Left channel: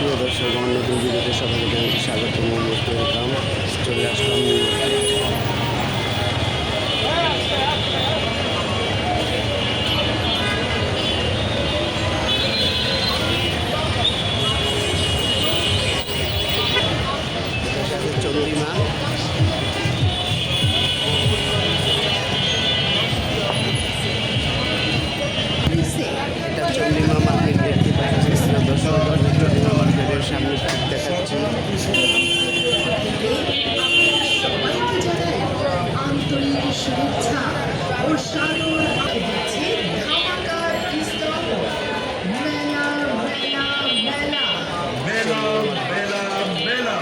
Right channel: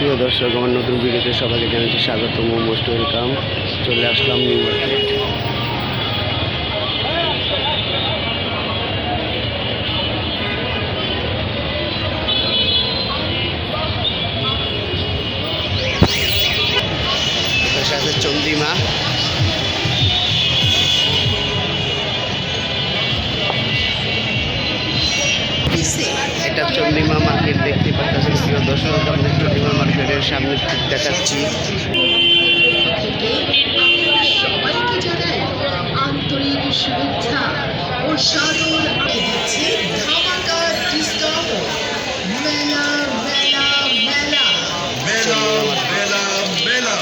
প্রিয় দর্শক, আমার নতুন ভিডিওতে সবাইকে জানাচ্ছি স্বাগতম, মোস্ট ওয়েলকাম। চলে আসলাম নিউ মার্কেট। এপাশে আছে চন্দ্রিমা। এটা চন্দ্রিমা মার্কেট দেখতে পাচ্ছেন প্রিয় দর্শক। আমাদের চন্দ্রিমা মার্কেটের সামনে ঠিক দেখাচ্ছি। শুভেচ্ছা ও সাদর দিচ্ছে ধামাকা ডিসকাউন্ট। মেলা মেলা মেলা মেলা মেলা মেলা।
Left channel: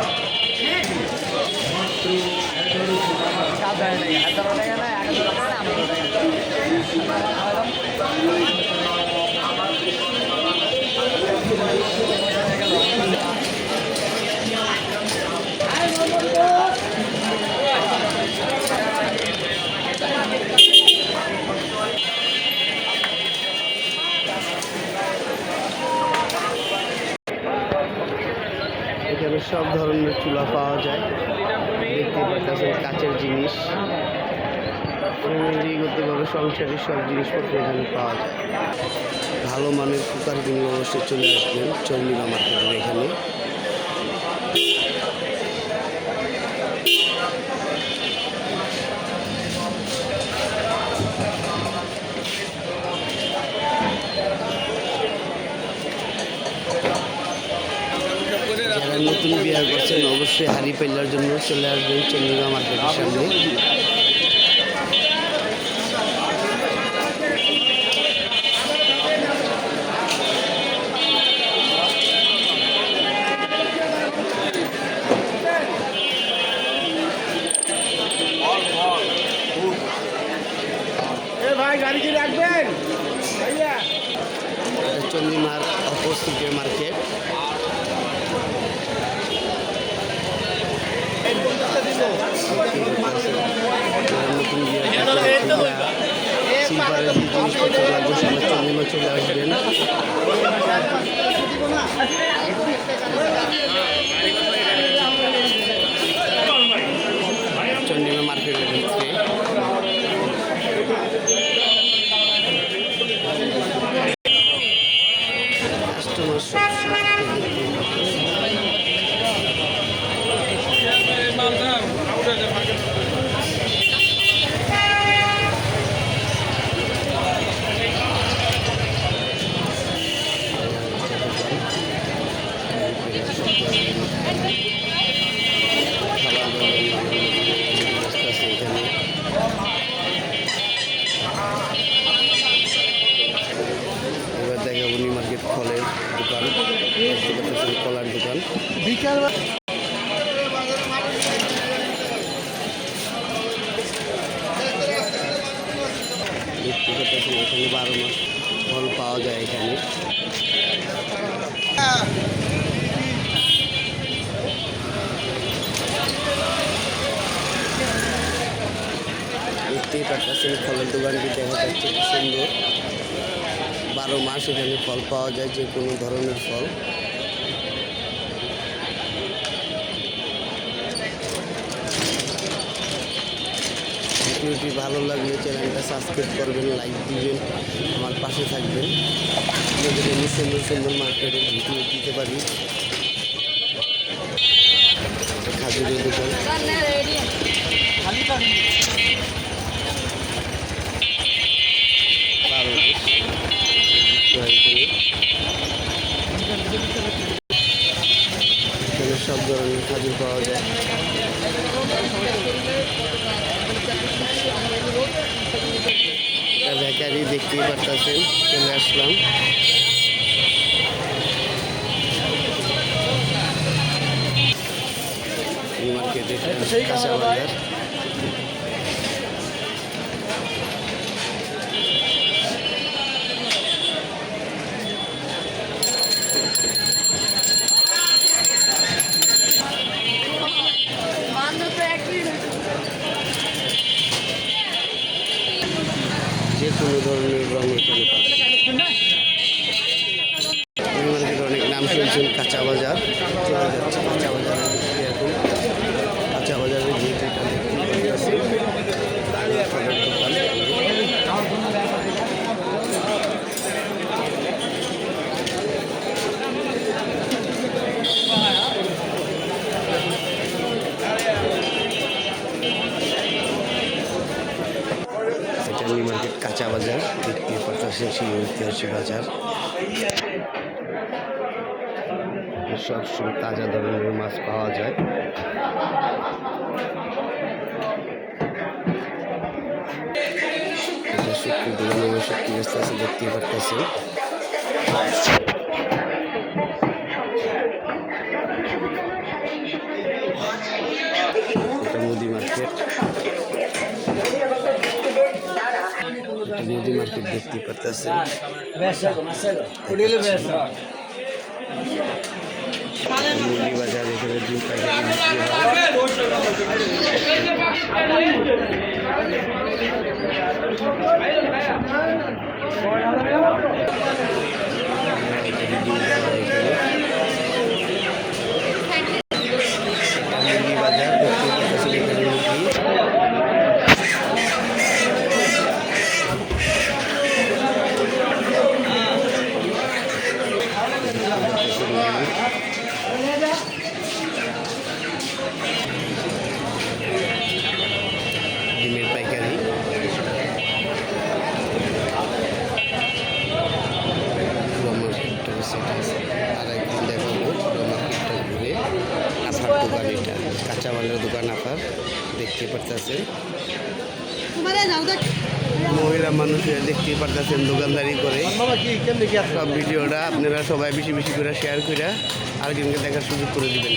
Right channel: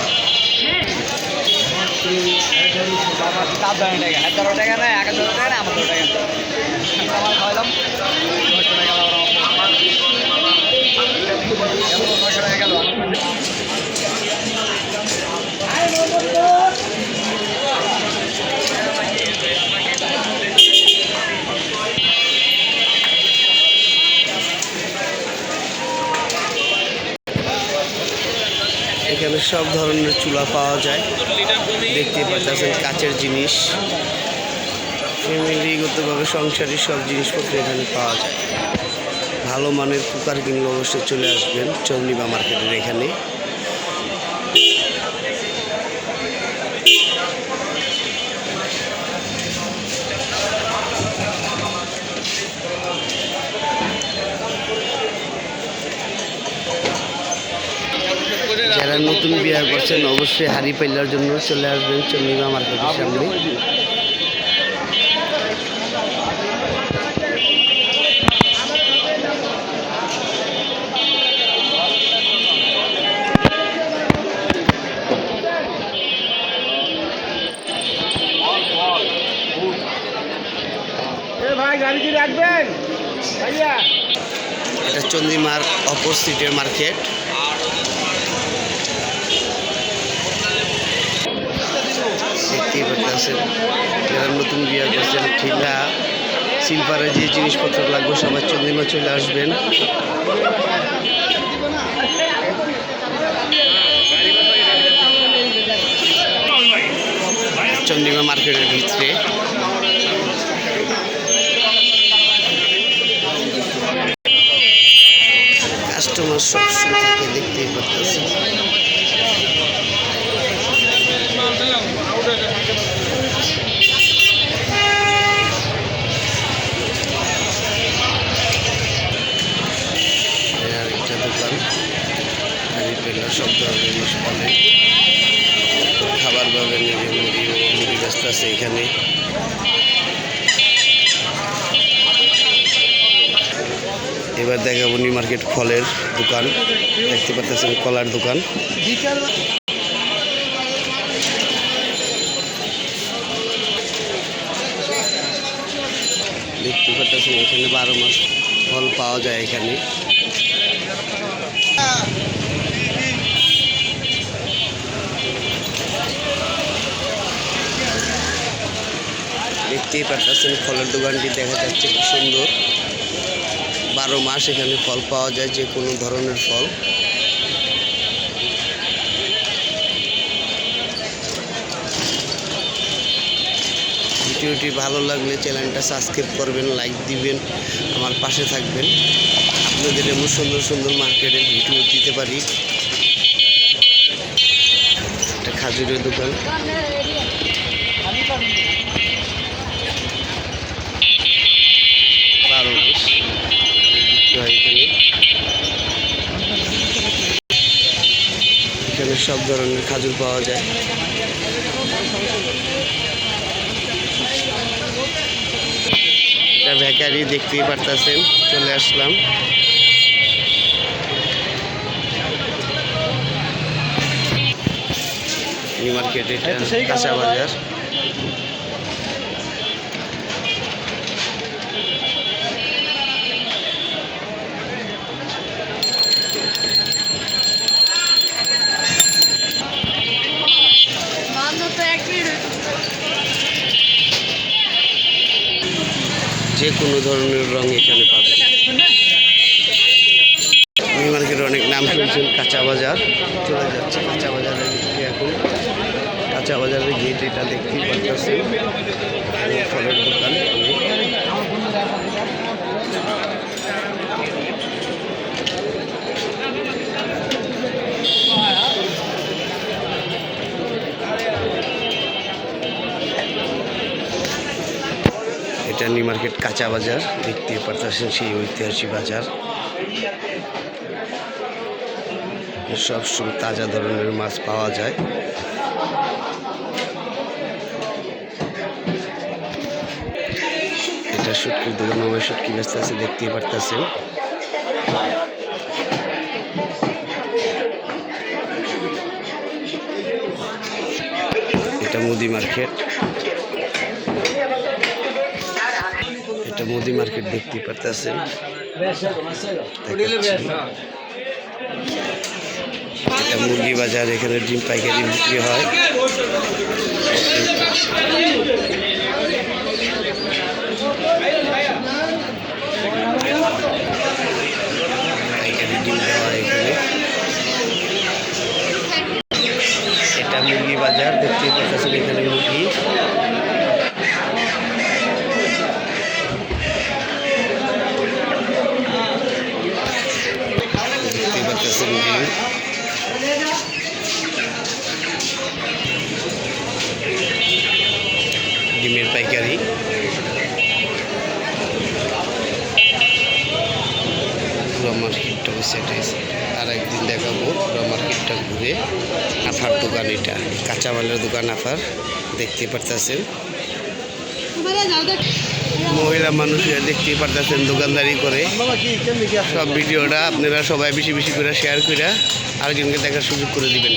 এখানে সব ধরনের চুলা পাওয়া যায়, দেখতে পাচ্ছেন কাচের জিনিস। ফ্যামিলিগতভাবে সংসারের সব জিনিসপত্র এখানে পাওয়া যায়। ভালো মানের কুকার কিনলে অবশ্যই চলে আসবেন চন্দ্রিমা মার্কেটের এখানে। যারা নতুন বিয়ে করছেন অবশ্যই হাড়ি পাইলার জন্য চলে আসবেন চন্দ্রিমা মার্কেটের সামনে। এটা চন্দ্রিমার অপোজিটের মার্কেট। দেখতেই পাচ্ছেন যারা নতুন বিয়ে করছেন ঠিলা সিলভারের যে জিনিসপত্র লাগবে সবাই চন্দ্রিমা চলে আসবেন। চন্দ্রিমা মার্কেটের ভিতরে কাস্টমার সবসময় থাকে, দেখতেই পাচ্ছেন। আরেকটা দোকান, সব ধরনের জিনিস পাবেন, খাবার পাবেন, মুড়ি রাস্তা আছে এখানে। এবার দেখাবো নিউ মার্কেট ফলের দোকান। দেখতে পাচ্ছেন কলার দোকান। দেখতে পাচ্ছেন এখানে 12 মাস ফল পাওয়া যায় এখানে। দেখতেই পাচ্ছেন ফলের দোকানটি দেখা যাচ্ছে খুব সুন্দর। 12 মাস এখানে ফল পাওয়া যায়, যে কোনো ধরনের ফল। ভিডিওটি ভালো লাগলে চ্যানেলটা সাবস্ক্রাইব করবেন, লাইক দিবেন, আমার পাশে থাকবেন। আপনাদের এমন সুন্দর সুন্দর মার্কেটের ভিডিও দিতে পারি। একটা খাজুরের দোকান। এখানে সব ধরনের খাজুর পাওয়া যায়। এটা বেকারি, দেখতেই পারতেছেন। চলে আসলাম নিউ মার্কেট, এটা কাঁচা বাজার। যে কোনো ধরনের রং এখানে পাবেন। নিউ মার্কেটে অনেক নাম শুনছেন, কাঁচা বাজার, চলে যাচ্ছে কাঁচা বাজারের দিকে। এখন কাঁচা বাজারের গেট এটা দেখতেই পাচ্ছেন, ফলের দোকান। এটা নিউ মার্কেট কাঁচা বাজার দেখতে পাচ্ছেন, সেই ঐতিহাসিক বাজার। সব সময় তাজা ধরনের মাছ পাওয়া যায়। এটা শুটকির দোকান, মোবাইল শুটকি ব্যস্ত আছে দেখতেই পারতেছেন। এটা মুদি মার্কেট, এটা মুদি মার্কেট দেখতেই পারতেছেন। এটা মুরগি বাজার, এখানে ডিম পাইকারি বিক্রি হয়। পাইকারি ডিম দেওয়া এখানে। এটা মুরগি বাজার দেখতেই পাচ্ছেন, এখানে মুরগি। দেখতেই পাচ্ছেন ডিম। ডিমের পাইকারি। পুরো মার্কেটটা সেটাই, আর একদিন দেখাবো পুরো মার্কেটটা ঘুরে। আফার দোকান, এটা কাঁচামালের দোকান আফার দেখতে পারতেছেন। মহিলা মানুষ দেখতেই পারতেছেন দোকানদারি করে। সব ভিডিওটা আপনারা সবাই বেশি বেশি করে শেয়ার করে আরেকজনকে দেখার সুযোগ করে দিবেন।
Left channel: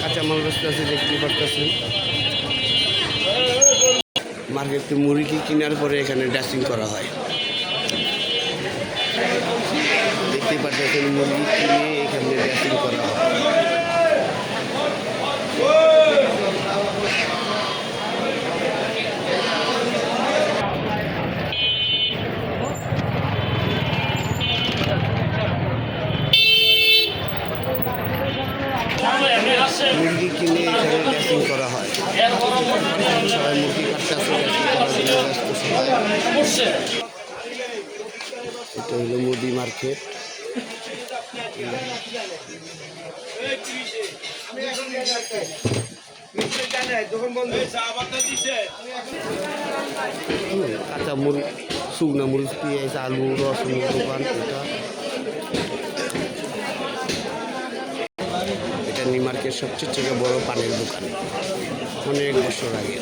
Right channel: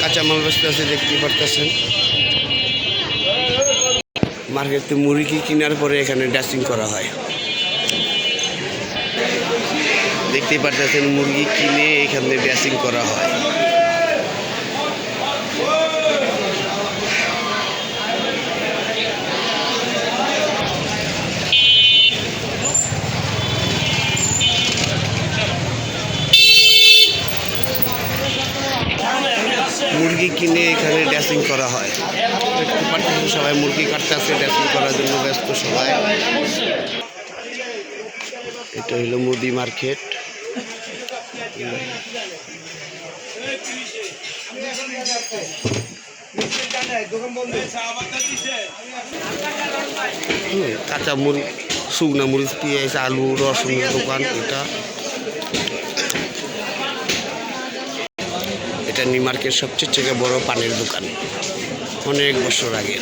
কাঁচামাল ব্যস্ত আছে দেখতেই পারতেছেন। মার্কেটে মুরগি কেনার পরে এখানে ড্রেসিং করা হয়, দেখতেই পারতেছেন। মুরগি কিনে এখানে ড্রেসিং করা হয়। মুরগি কিনে এখানে ড্রেসিং করা হয়। সবাই মুরগি কাটতে আসছে, ড্রেসিং করার জন্য ব্যস্ত সবাই। এটা হলো মুদি মার্কেট। কাঁচা মুরগি, শুকনা মরিচ, পেঁয়াজ, আলু, রসুনের দোকান এটা। এটা নিউ মার্কেট সবচেয়ে থেকে বড় পানের দোকান, অনেক বছর আগে।